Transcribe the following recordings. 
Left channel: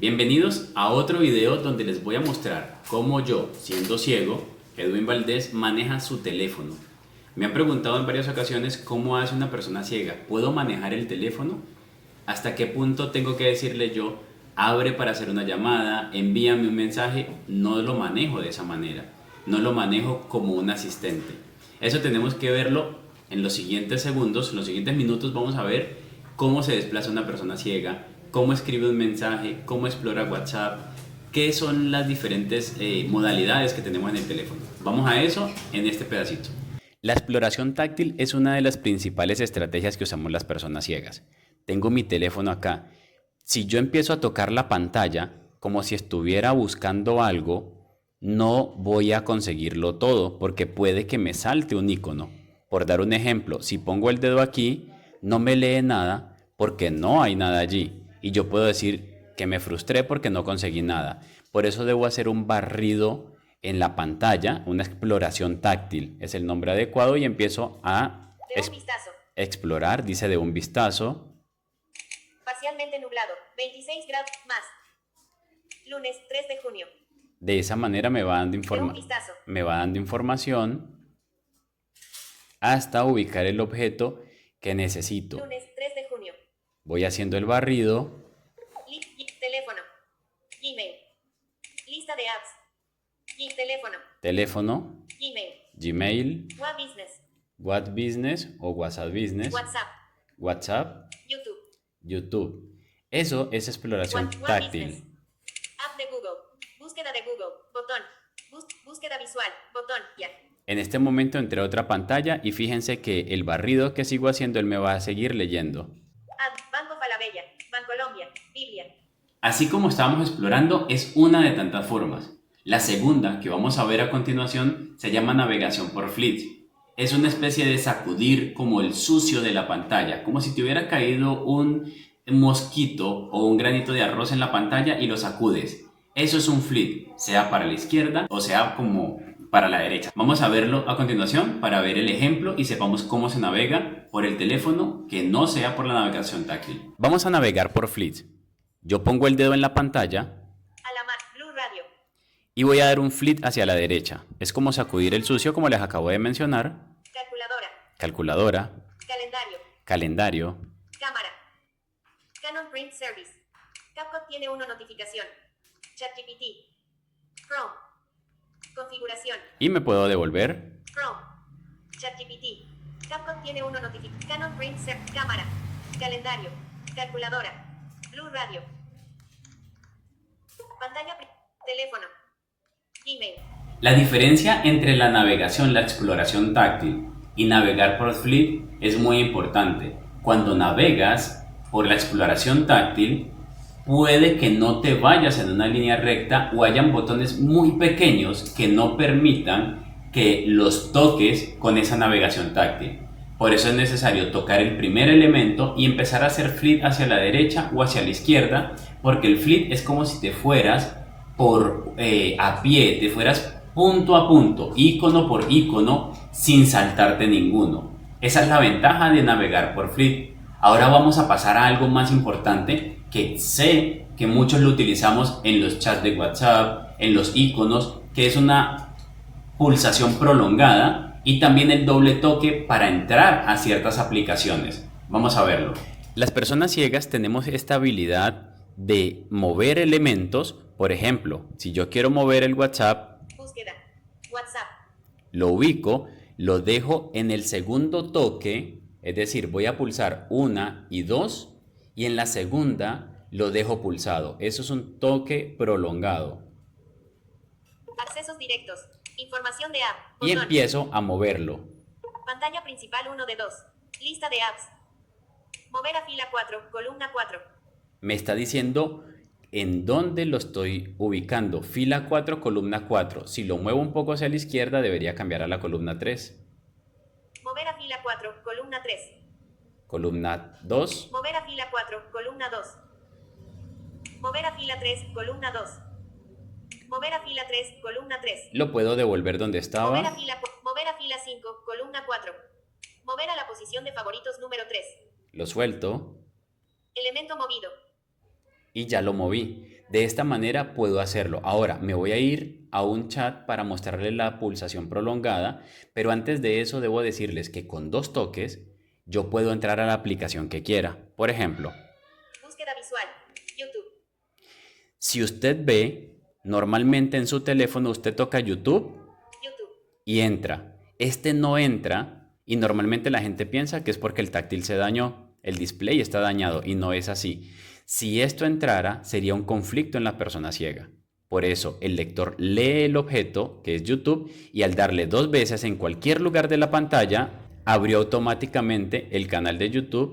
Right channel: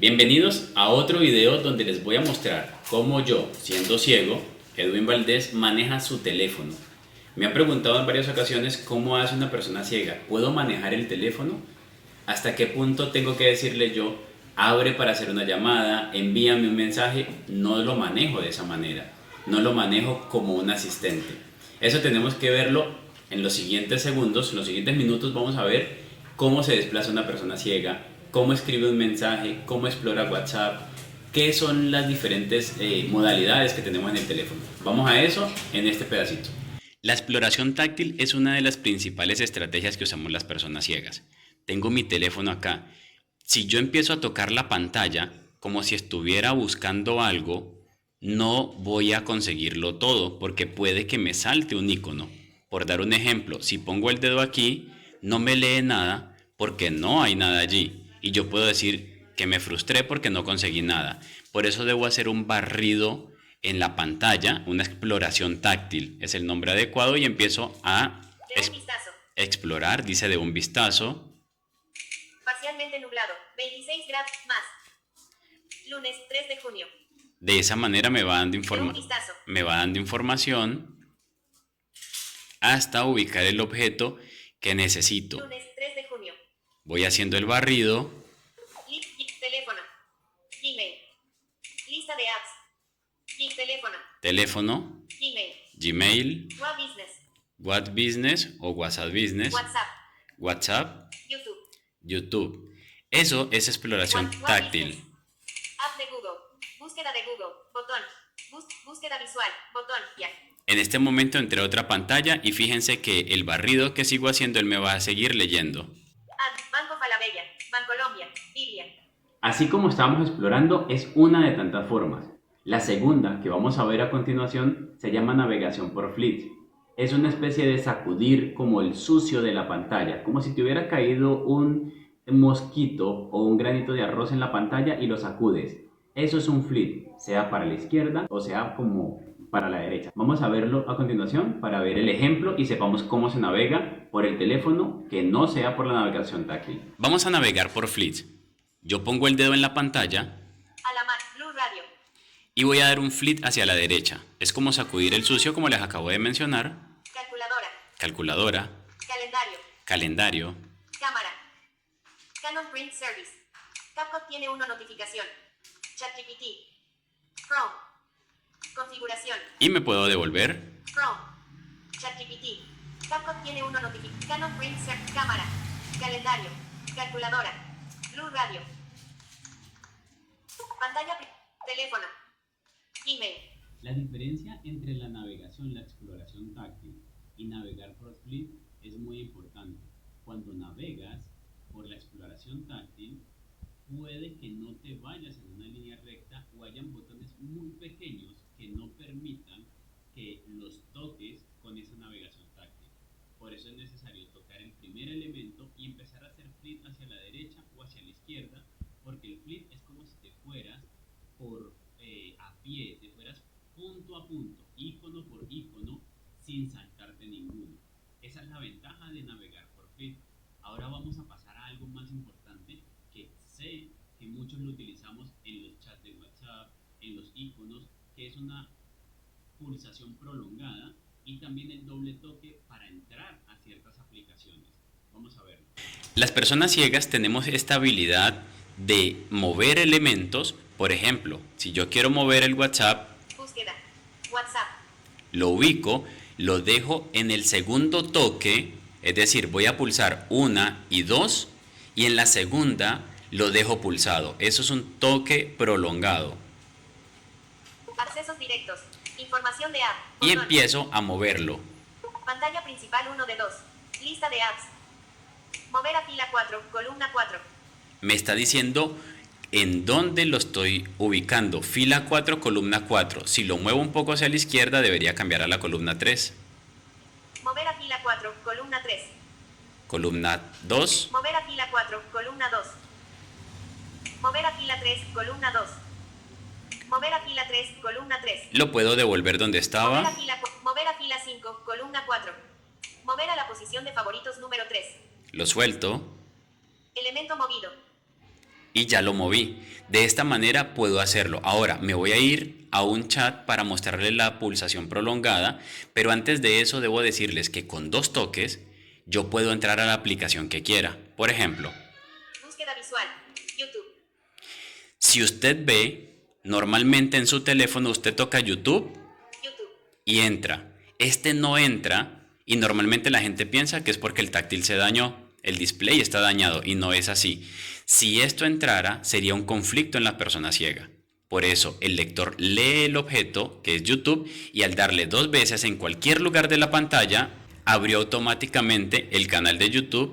Bienvenidos a otro video donde les voy a mostrar cómo yo, siendo ciego, Edwin Valdés, maneja su teléfono. Me han preguntado en varias ocasiones cómo hace una persona ciega. ¿Puedo manejar el teléfono? ¿Hasta qué punto tengo que decirle yo, abre para hacer una llamada, envíame un mensaje? No lo manejo de esa manera. No lo manejo como un asistente. Eso tenemos que verlo en los siguientes segundos, en los siguientes minutos vamos a ver cómo se desplaza una persona ciega, cómo escribe un mensaje, cómo explora WhatsApp, qué son las diferentes modalidades que tenemos en el teléfono. Vamos a eso en este pedacito. La exploración táctil es una de las principales estrategias que usamos las personas ciegas. Tengo mi teléfono acá. Si yo empiezo a tocar la pantalla como si estuviera buscando algo, no voy a conseguirlo todo porque puede que me salte un icono. Por dar un ejemplo, si pongo el dedo aquí, no me lee nada porque no hay nada allí. Y yo puedo decir que me frustré porque no conseguí nada. Por eso debo hacer un barrido en la pantalla, una exploración táctil. Es el nombre adecuado y empiezo a explorar, dice de un vistazo. Parcialmente nublado, 26 grados más. Lunes 3 de junio. De esa manera me va dando información hasta ubicar el objeto que necesito. Lunes 3 de junio. Voy haciendo el barrido. Teléfono. Gmail. Lista de apps. Teléfono. Gmail. What Business. O WhatsApp Business. WhatsApp. YouTube. Eso es exploración táctil. App de Google. Búsqueda de Google. Botón. Búsqueda visual. Botón. Ya. En este momento entré a otra pantalla y fíjense que el barrido que sigo haciendo él me va a seguir leyendo. Banco Falabella. Bancolombia. Biblia. Así como estábamos explorando, es una de tantas formas. La segunda, que vamos a ver a continuación, se llama navegación por flits. Es una especie de sacudir como el sucio de la pantalla, como si te hubiera caído un mosquito o un granito de arroz en la pantalla y lo sacudes. Eso es un flit, sea para la izquierda o sea como para la derecha. Vamos a verlo a continuación para ver el ejemplo y sepamos cómo se navega por el teléfono que no sea por la navegación táctil. Vamos a navegar por flits. Yo pongo el dedo en la pantalla Blue Radio. y voy a dar un flit hacia la derecha. Es como sacudir el sucio, como les acabo de mencionar. Calculadora. Calendario. Cámara. Canon Print Service. CapCut tiene una notificación. ChatGPT. Chrome. Configuración. Y me puedo devolver. Chrome. ChatGPT. CapCut tiene una notificación. Canon Print Service. Cámara. Calendario. Calculadora. Blue Radio. Pantalla. Teléfono. Gmail. La diferencia entre la navegación, la exploración táctil y navegar por flit es muy importante. Cuando navegas por la exploración táctil, puede que no te vayas en una línea recta o hayan botones muy pequeños que no permitan que los toques con esa navegación táctil. Por eso es necesario tocar el primer elemento y empezar a hacer flit hacia la derecha o hacia la izquierda, porque el flit es como si te fueras a pie, te fueras punto a punto, icono por icono, sin saltarte ninguno. Esa es la ventaja de navegar por flit. Ahora vamos a pasar a algo más importante que sé que muchos lo utilizamos en los chats de WhatsApp, en los iconos, que es una pulsación prolongada y también el doble toque para entrar a ciertas aplicaciones. Vamos a verlo. Las personas ciegas tenemos esta habilidad de mover elementos. Por ejemplo, si yo quiero mover el WhatsApp, WhatsApp. Lo ubico, lo dejo en el segundo toque, es decir, voy a pulsar 1 y 2 y en la segunda lo dejo pulsado. Eso es un toque prolongado. Accesos directos. Información de app. Y empiezo a moverlo. Pantalla principal 1 de 2. Lista de apps. Mover a fila 4, columna 4. Me está diciendo en dónde lo estoy ubicando. Fila 4, columna 4. Si lo muevo un poco hacia la izquierda, debería cambiar a la columna 3. Mover a fila 4, columna 3. Columna 2. Mover a fila 4, columna 2. Mover a fila 3, columna 2. Mover a fila 3, columna 3. Lo puedo devolver donde estaba. Mover a fila 5, columna 4. Mover a la posición de favoritos número 3. Lo suelto. Elemento movido. y ya lo moví. De esta manera puedo hacerlo. Ahora me voy a ir a un chat para mostrarles la pulsación prolongada, pero antes de eso debo decirles que con 2 toques yo puedo entrar a la aplicación que quiera. Por ejemplo, Búsqueda visual. YouTube. si usted ve, normalmente en su teléfono usted toca YouTube YouTube. y entra. Este no entra y normalmente la gente piensa que es porque el táctil se dañó, el display está dañado y no es así. Si esto entrara, sería un conflicto en la persona ciega. Por eso, el lector lee el objeto, que es YouTube, y al darle 2 veces en cualquier lugar de la pantalla, abrió automáticamente el canal de YouTube.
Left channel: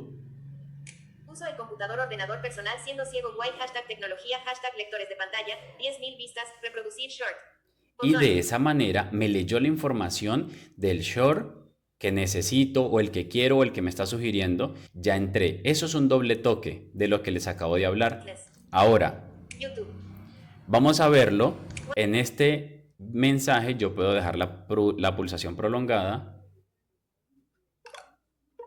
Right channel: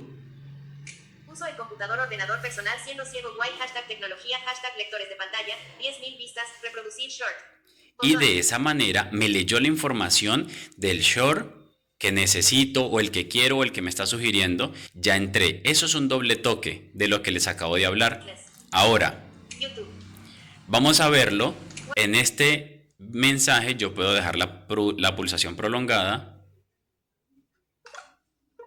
Uso de computador ordenador personal siendo ciego guay. Hashtag tecnología. Hashtag lectores de pantalla. 10.000 vistas. Reproducir short. Y Botón. de esa manera me leyó la información del short que necesito o el que quiero o el que me está sugiriendo. Ya entré. Eso es un doble toque de lo que les acabo de hablar. Ahora, YouTube. vamos a verlo. En este mensaje yo puedo dejar la pulsación prolongada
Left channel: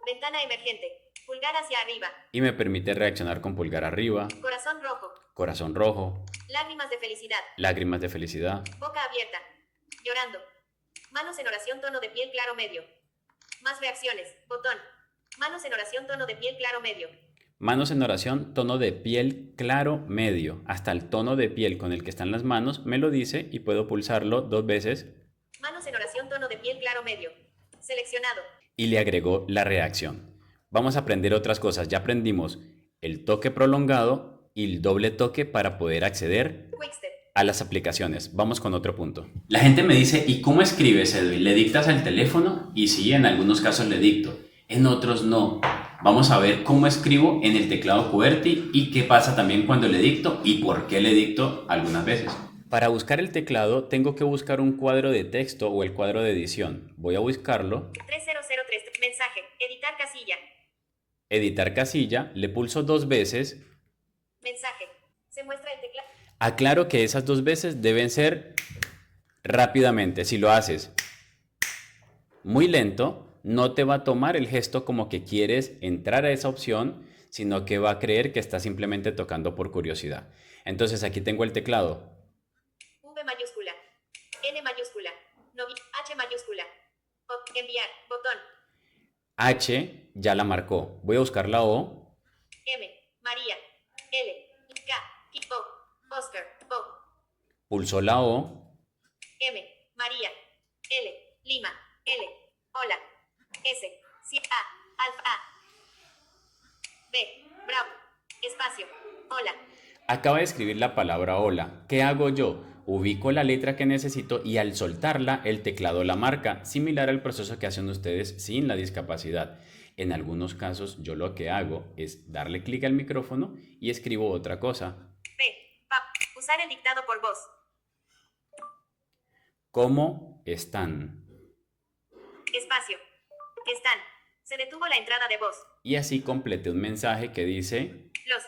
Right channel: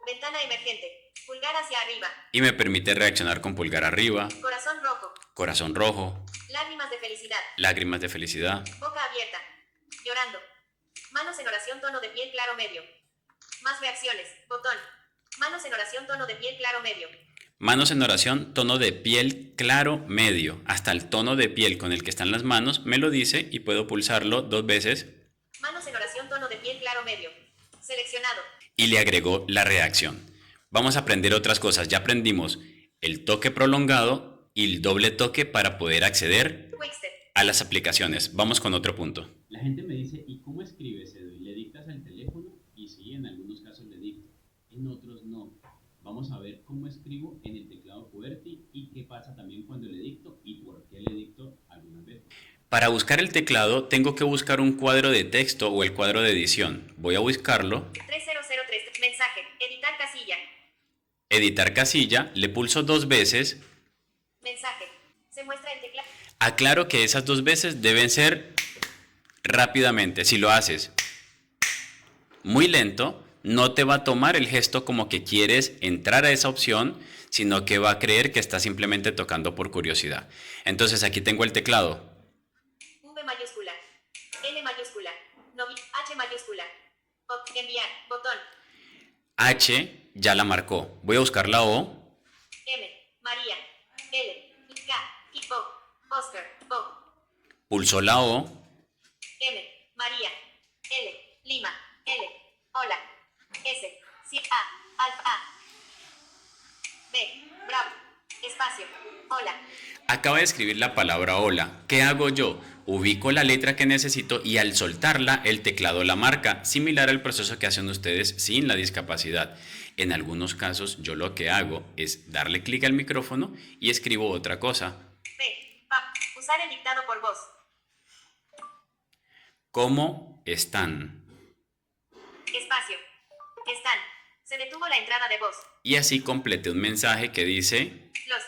Ventana emergente. Pulgar hacia arriba. y me permite reaccionar con pulgar arriba, Corazón rojo. corazón rojo, Lágrimas de felicidad. lágrimas de felicidad, Boca abierta. Llorando. Manos en oración. Tono de piel claro medio. Más reacciones. Botón. Manos en oración. Tono de piel claro medio. manos en oración, tono de piel claro medio. Hasta el tono de piel con el que están las manos me lo dice y puedo pulsarlo 2 veces Manos en oración. Tono de piel claro medio. Seleccionado. y le agregó la reacción. Vamos a aprender otras cosas. Ya aprendimos el toque prolongado y el doble toque para poder acceder Quickstep. a las aplicaciones. Vamos con otro punto. La gente me dice, ¿y cómo escribes, Edwin? ¿Le dictas al teléfono? Y sí, en algunos casos le dicto, en otros no. Vamos a ver cómo escribo en el teclado QWERTY y qué pasa también cuando le dicto y por qué le dicto algunas veces. Para buscar el teclado tengo que buscar un cuadro de texto o el cuadro de edición. Voy a buscarlo, 3003. Mensaje. Editar casilla. editar casilla, le pulso 2 veces. Mensaje. Se muestra el teclado. Aclaro que esas 2 veces deben ser rápidamente. Si lo haces muy lento, no te va a tomar el gesto como que quieres entrar a esa opción, sino que va a creer que estás simplemente tocando por curiosidad. Entonces aquí tengo el teclado. V mayúscula. N mayúscula. H mayúscula. Enviar. Botón. H ya la marcó. Voy a buscar la O. M. María. L. K. O. Oscar. O. Pulsó la O. M. María. L. Lima. L. Hola. S. A. Alfa A. B. Bravo. Espacio. Hola. Acaba de escribir la palabra hola. ¿Qué hago yo? Ubico la letra que necesito y al soltarla el teclado la marca, similar al proceso que hacen ustedes sin la discapacidad. En algunos casos yo lo que hago es darle clic al micrófono y escribo otra cosa. P. Usar el dictado por voz. ¿Cómo están? Espacio. Están. Se detuvo la entrada de voz. Y así completé un mensaje que dice... Los.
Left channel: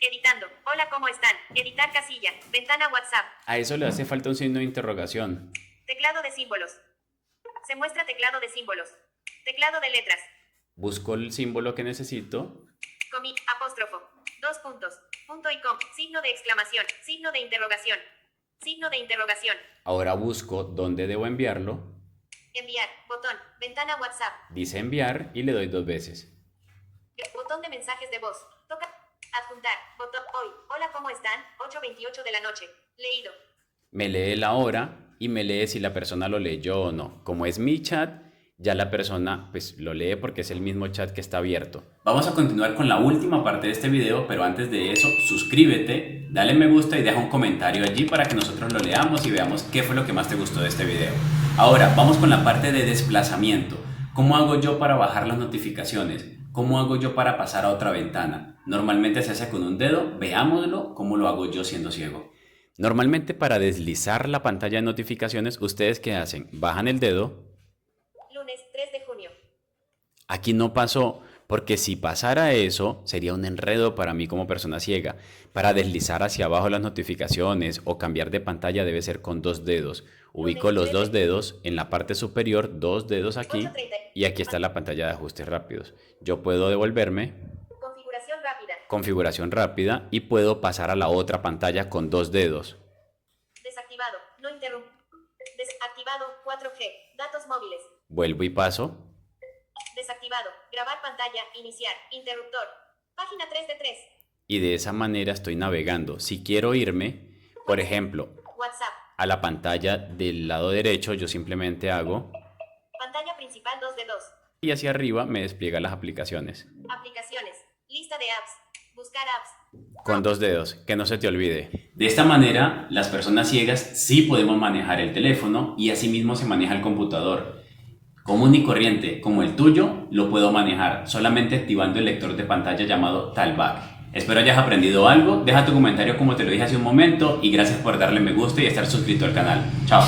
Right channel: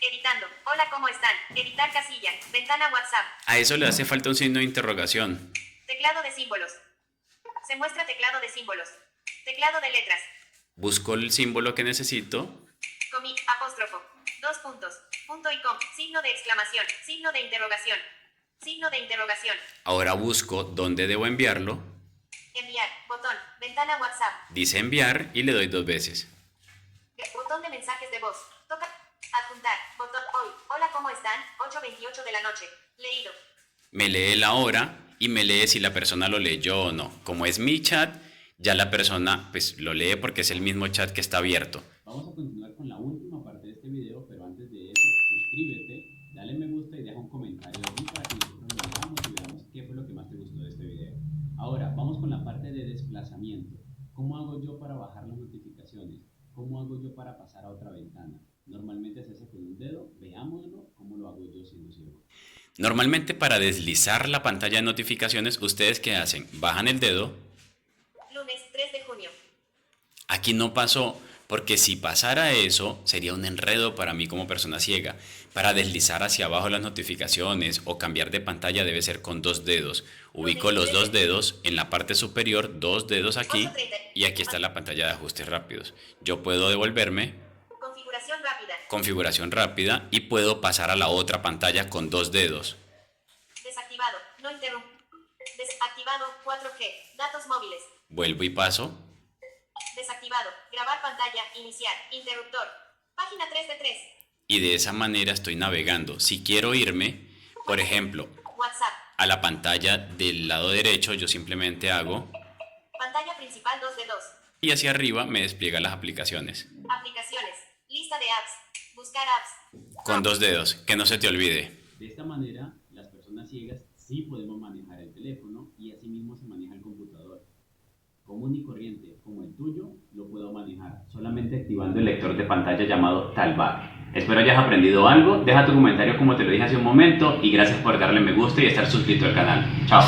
Editando. Hola, ¿cómo están? Editar casilla. Ventana WhatsApp. A eso le hace falta un signo de interrogación. Teclado de símbolos. Se muestra teclado de símbolos. Teclado de letras. Busco el símbolo que necesito. Apóstrofo. 2 puntos. Punto y com. Signo de exclamación. Signo de interrogación. Signo de interrogación. Ahora busco dónde debo enviarlo. Enviar. Botón. Ventana WhatsApp. Dice enviar y le doy 2 veces. Botón de mensajes de voz. Toca. Adjuntar. Botón. Hoy. Hola, ¿cómo están? 8:28 de la noche. Leído. Me lee la hora y me lee si la persona lo leyó o no. Como es mi chat, ya la persona pues lo lee porque es el mismo chat que está abierto. Vamos a continuar con la última parte de este video, pero antes de eso, suscríbete, dale me gusta y deja un comentario allí para que nosotros lo leamos y veamos qué fue lo que más te gustó de este video. Ahora, vamos con la parte de desplazamiento. ¿Cómo hago yo para bajar las notificaciones? ¿Cómo hago yo para pasar a otra ventana? Normalmente se hace con un dedo, veámoslo cómo lo hago yo siendo ciego. Normalmente para deslizar la pantalla de notificaciones, ¿ustedes qué hacen? Bajan el dedo. Lunes 3 de junio. Aquí no pasó, porque si pasara eso, sería un enredo para mí como persona ciega. Para deslizar hacia abajo las notificaciones o cambiar de pantalla debe ser con 2 dedos. Ubico los 2 dedos en la parte superior, 2 dedos aquí, y aquí está la pantalla de ajustes rápidos. Yo puedo devolverme. Configuración rápida. configuración rápida y puedo pasar a la otra pantalla con 2 dedos. Desactivado. No interrumpe. Desactivado. 4G. Datos móviles. Vuelvo y paso. Desactivado. Grabar pantalla. Iniciar. Interruptor. Página 3 de 3. Y de esa manera estoy navegando. Si quiero irme, por ejemplo, WhatsApp. a la pantalla del lado derecho, yo simplemente hago Pantalla principal 2 de 2. y hacia arriba me despliega las aplicaciones. Aplicaciones. Lista de apps. Buscar apps. Con 2 dedos, que no se te olvide. De esta manera, las personas ciegas sí podemos manejar el teléfono y asimismo se maneja el computador. Común y corriente, como el tuyo, lo puedo manejar solamente activando el lector de pantalla llamado Talkback. Espero hayas aprendido algo, deja tu comentario como te lo dije hace un momento y gracias por darle me gusta y estar suscrito al canal. Chao.